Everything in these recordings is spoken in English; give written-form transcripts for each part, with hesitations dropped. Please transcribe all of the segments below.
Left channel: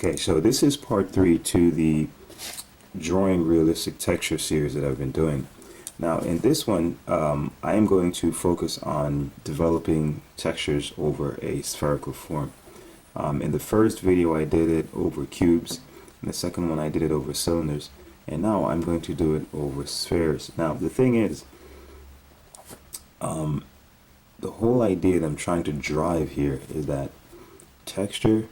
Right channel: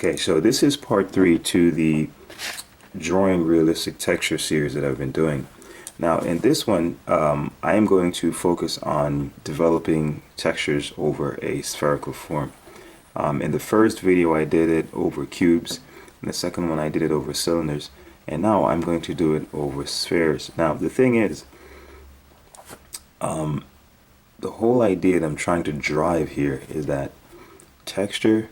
Okay, so this is part 3 to the drawing realistic texture series that I've been doing. Now in this one, I am going to focus on developing textures over a spherical form. In the first video I did it over cubes, in the second one I did it over cylinders, and now I'm going to do it over spheres. Now the thing is, the whole idea that I'm trying to drive here is that texture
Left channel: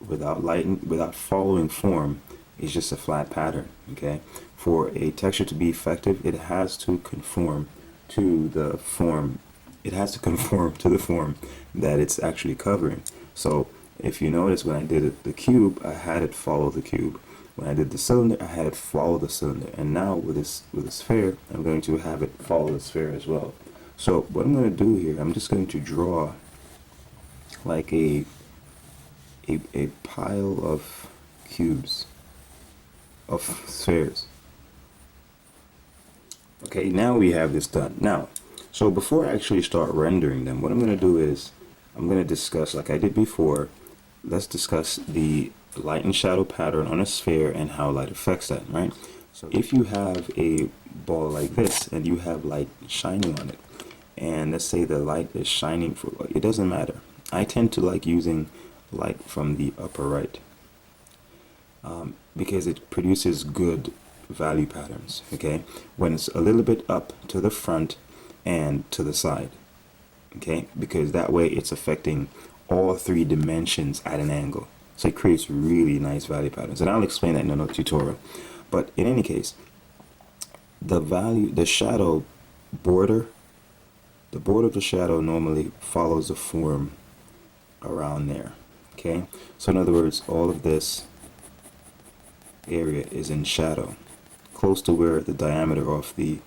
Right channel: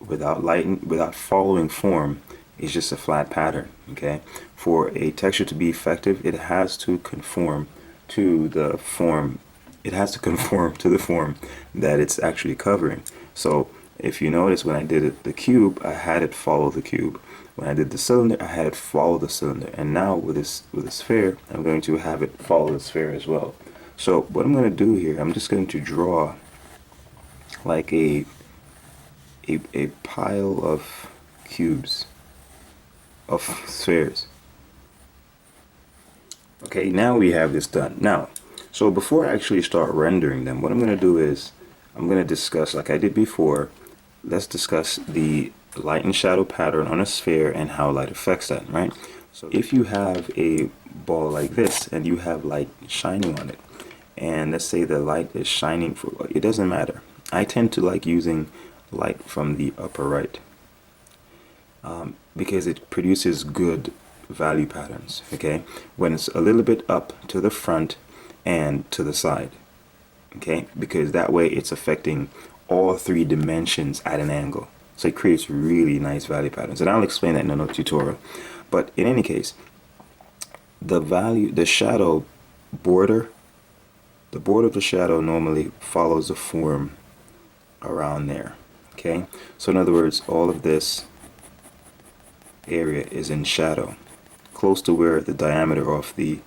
without following form is just a flat pattern. Okay, for a texture to be effective, it has to conform to the form. It has to conform to the form that it's actually covering. So if you notice, when I did the cube, I had it follow the cube. When I did the cylinder, I had it follow the cylinder. And now with a sphere, I'm going to have it follow the sphere as well. So what I'm going to do here, I'm just going to draw like a pile of cubes, of spheres. Okay, now we have this done. Now, so before I actually start rendering them, what I'm going to do is I'm going to discuss, like I did before, let's discuss the light and shadow pattern on a sphere and how light affects that, right? So if you have a ball like this and you have light shining on it, and let's say the light is shining it doesn't matter. I tend to like using light from the upper right because it produces good value patterns. Okay, when it's a little bit up to the front and to the side, okay, because that way it's affecting all 3 dimensions at an angle, so it creates really nice value patterns, and I'll explain that in another tutorial. But in any case, the shadow border, the border of the shadow normally follows the form around there. Okay, so in other words, all of this area is in shadow, close to where the diameter of the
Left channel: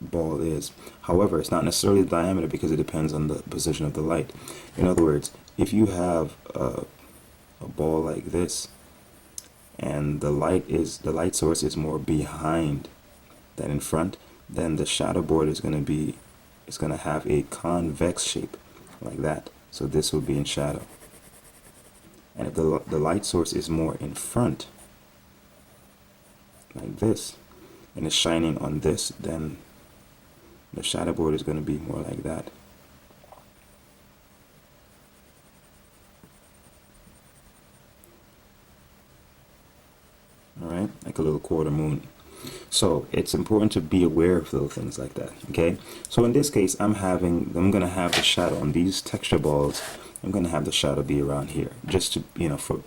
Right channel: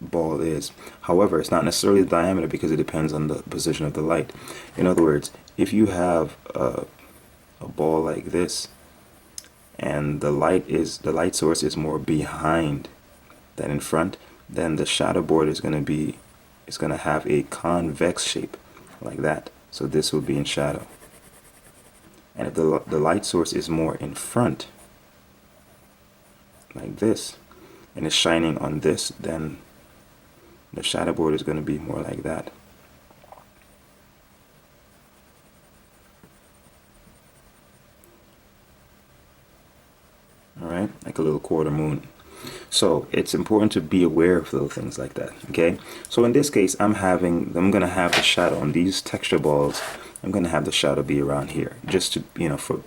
ball is. However, it's not necessarily the diameter because it depends on the position of the light. In other words, if you have a ball like this and the light source is more behind than in front, then the shadow board is going to have a convex shape like that. So this will be in shadow. And if the light source is more in front, like this, and it's shining on this, then the shadow board is going to be more like that. Alright, like a little quarter moon. So it's important to be aware of little things like that. Okay, so in this case, I'm going to have the shadow on these texture balls. I'm going to have the shadow be around here, just to, you know, for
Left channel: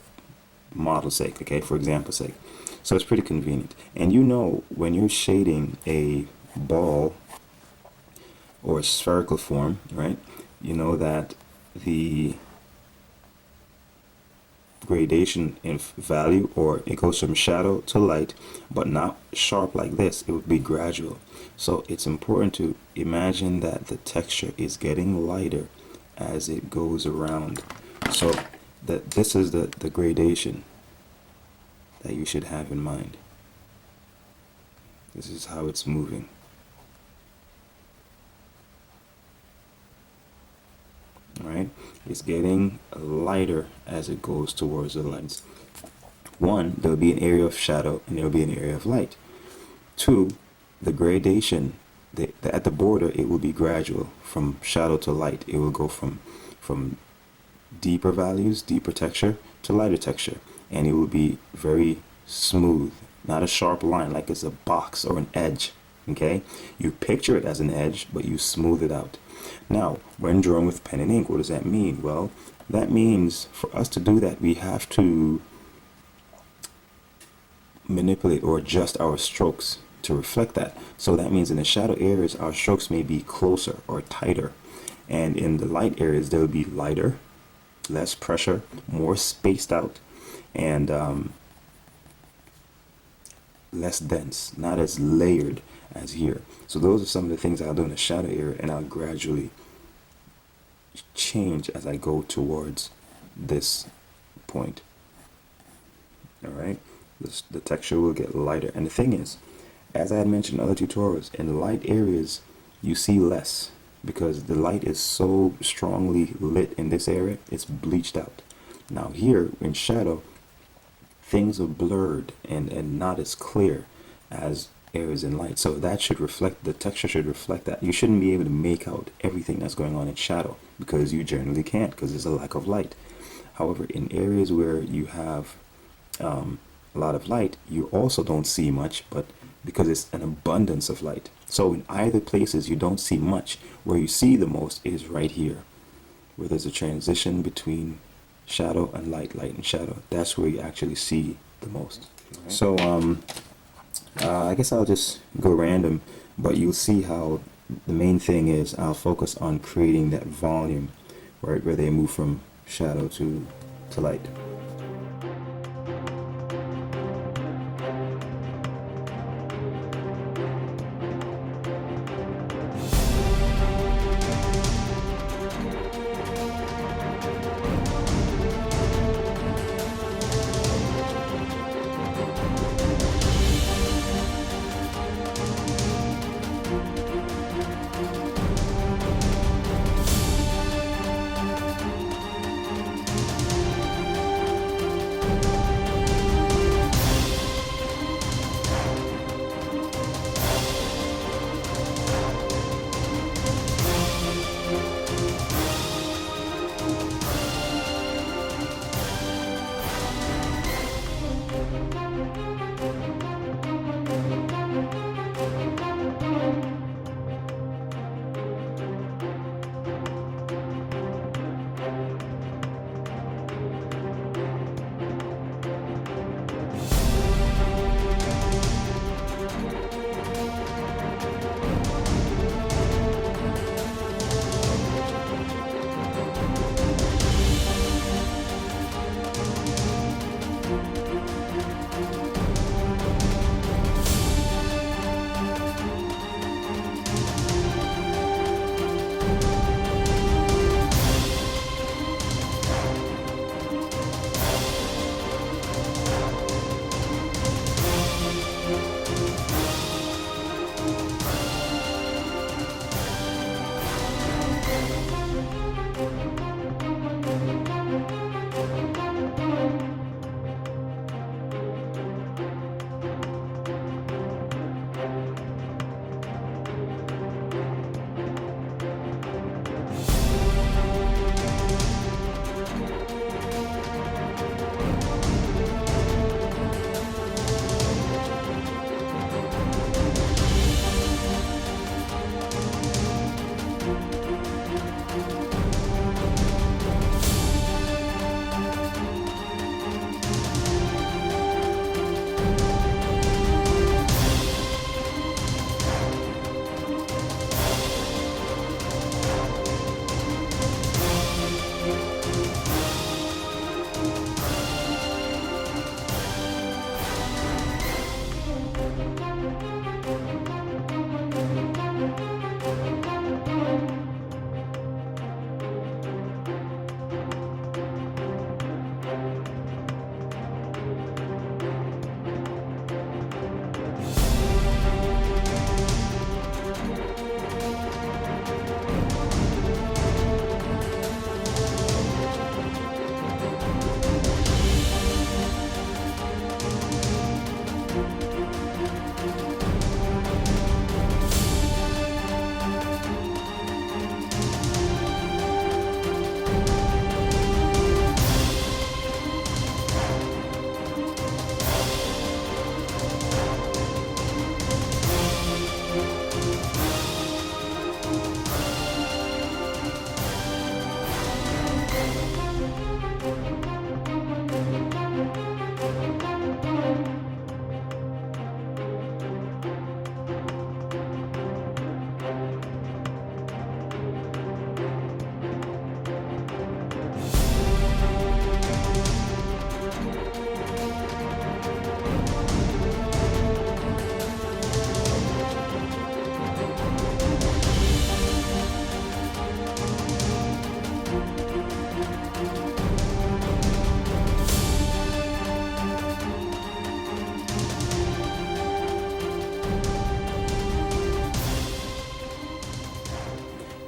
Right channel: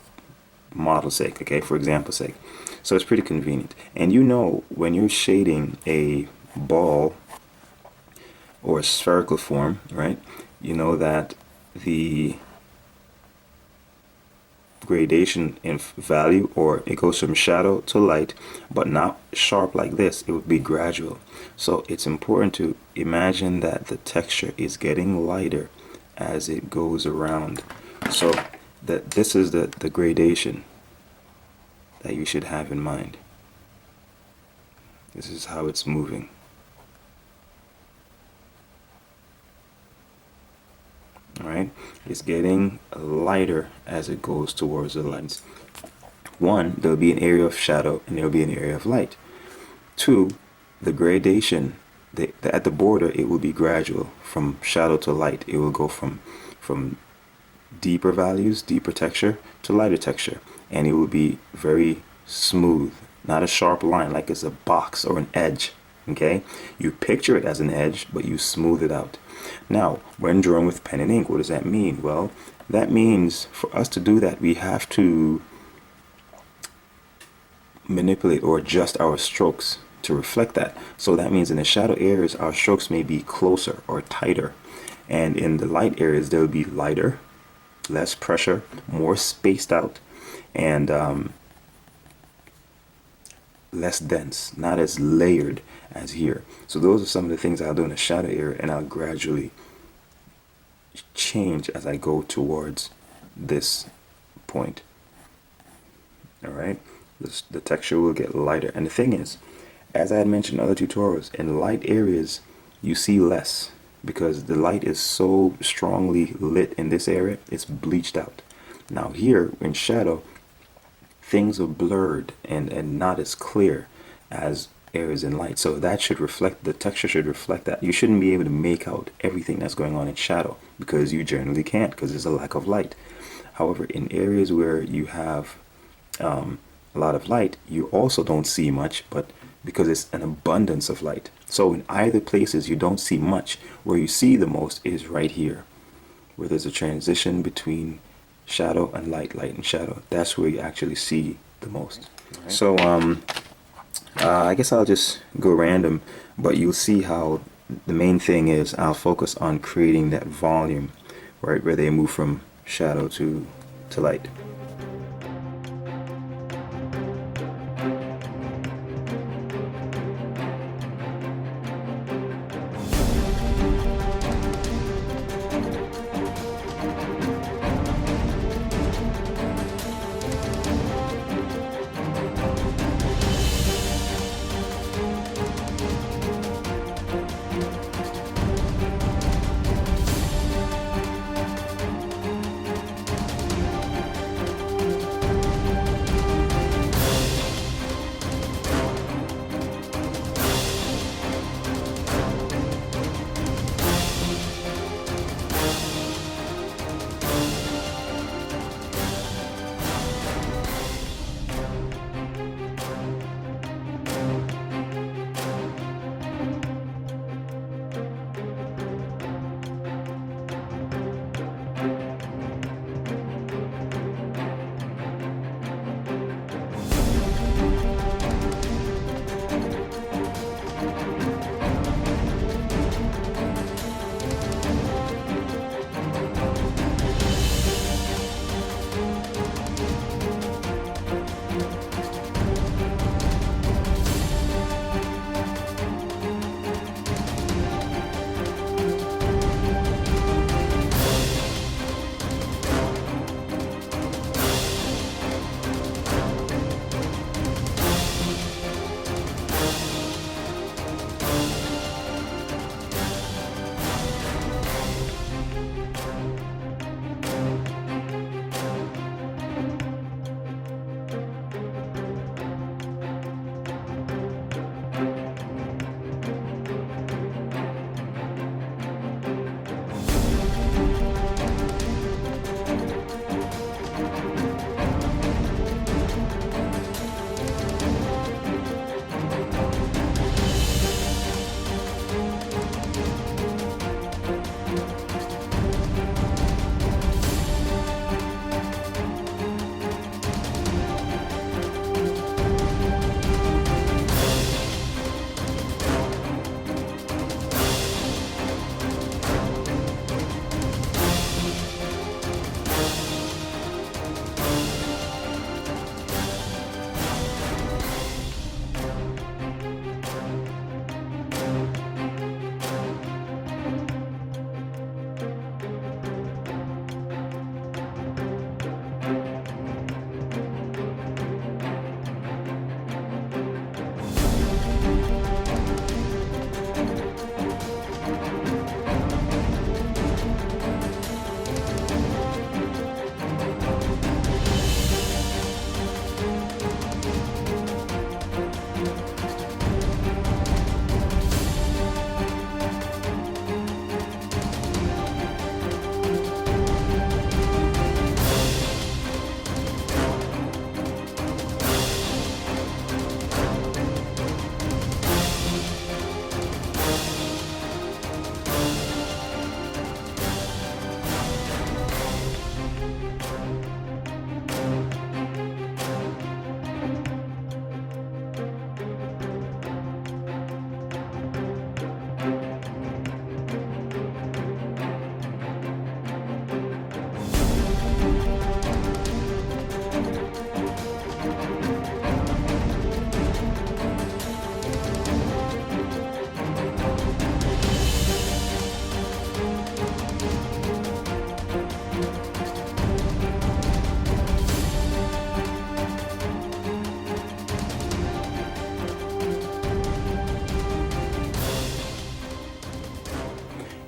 model's sake, okay, for example's sake. So it's pretty convenient. And you know, when you're shading a ball or a spherical form, right, you know that the gradation in value, or it goes from shadow to light, but not sharp like this. It would be gradual. So it's important to imagine that the texture is getting lighter as it goes around. So that this is the gradation that you should have in mind. This is how it's moving. Alright, it's getting lighter as it goes towards the lights. 1, there'll be an area of shadow and there'll be an area of light. 2, the gradation, at the border, it will be gradual from shadow to light. It will go from deeper values, deeper texture, to lighter texture, and it will be very smooth, not a sharp line like it's a box or an edge. Okay, you picture it as an edge, but you smooth it out. Now, when drawing with pen and ink, what does that mean? Well, that means for us to do that, we have to manipulate or adjust our strokes to reflect that. So that means in the shadow areas, our strokes may be closer or tighter, and in the light areas, they'll be lighter, less pressure, more spaced out, and less dense, not as layered as here. So those are some of the things I'll do in the shadow area, and I'll gradually change as I go towards this point. Alright, the texture will get lighter. And the thing is, as I had mentioned in other tutorials, in light areas you see less because the light is so strongly lit in this area, it's bleached out. Now here in shadow, things are blurred and not as clear as areas in light. So that should reflect, the texture should reflect that. You shouldn't be able to make out everything that's going on in shadow, because you generally can't, because there's a lack of light. However, in areas where you have a lot of light, you also don't see much, but because it's an abundance of light. So in either places you don't see much. Where you see the most is right here, where there's a transition between shadow and light, light and shadow. That's where you actually see the most. Right. So I guess I'll just go random, but you'll see how the main thing is I'll focus on creating that volume, right, where they move from shadow to light.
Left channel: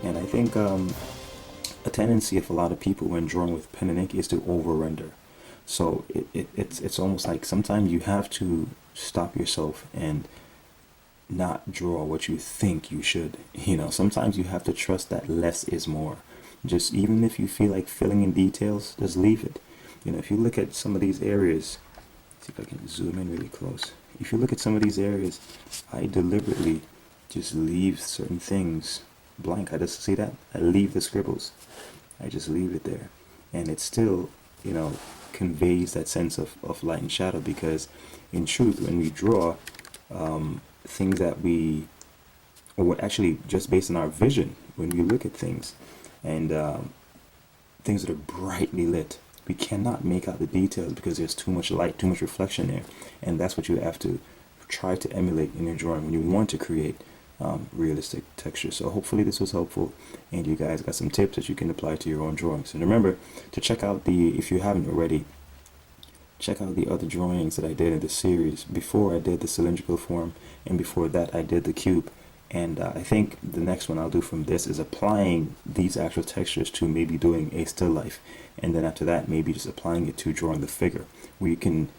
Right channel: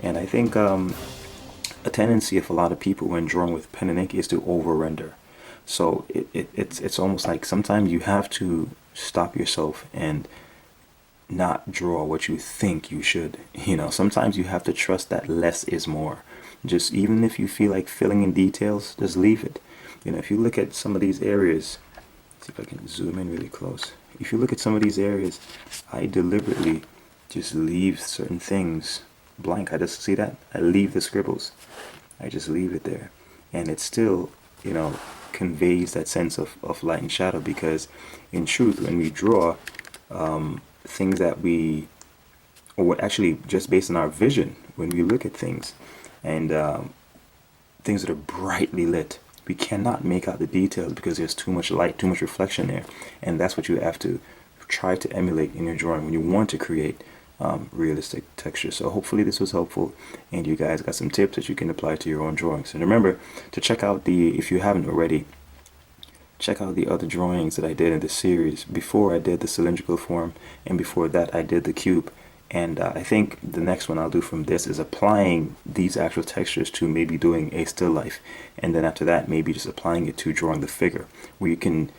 And I think a tendency of a lot of people when drawing with pen and ink is to over render. So it's almost like sometimes you have to stop yourself and not draw what you think you should. Sometimes you have to trust that less is more. Just even if you feel like filling in details, just leave it. If you look at some of these areas, see if I can zoom in really close. If you look at some of these areas, I deliberately just leave certain things blank. I just see that. I leave the scribbles. I just leave it there. And it still, conveys that sense of light and shadow, because in truth, when we draw, things that or actually just based on our vision, when we look at things and things that are brightly lit, we cannot make out the details because there's too much light, too much reflection there. And that's what you have to try to emulate in your drawing when you want to create realistic texture. So hopefully this was helpful and you guys got some tips that you can apply to your own drawings. And remember to check out if you haven't already, check out the other drawings that I did in this series. Before I did the cylindrical form, and before that I did the cube. And I think the next one I'll do from this is applying these actual textures to maybe doing a still life. And then after that, maybe just applying it to drawing the figure, where you can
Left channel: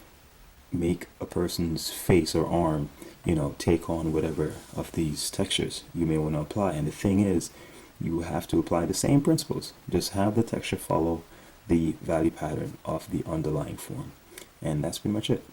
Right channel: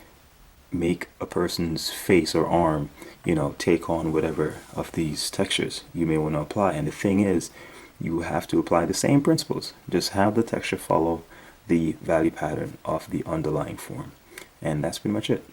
make a person's face or arm, take on whatever of these textures you may want to apply. And the thing is, you have to apply the same principles. Just have the texture follow the value pattern of the underlying form. And that's pretty much it.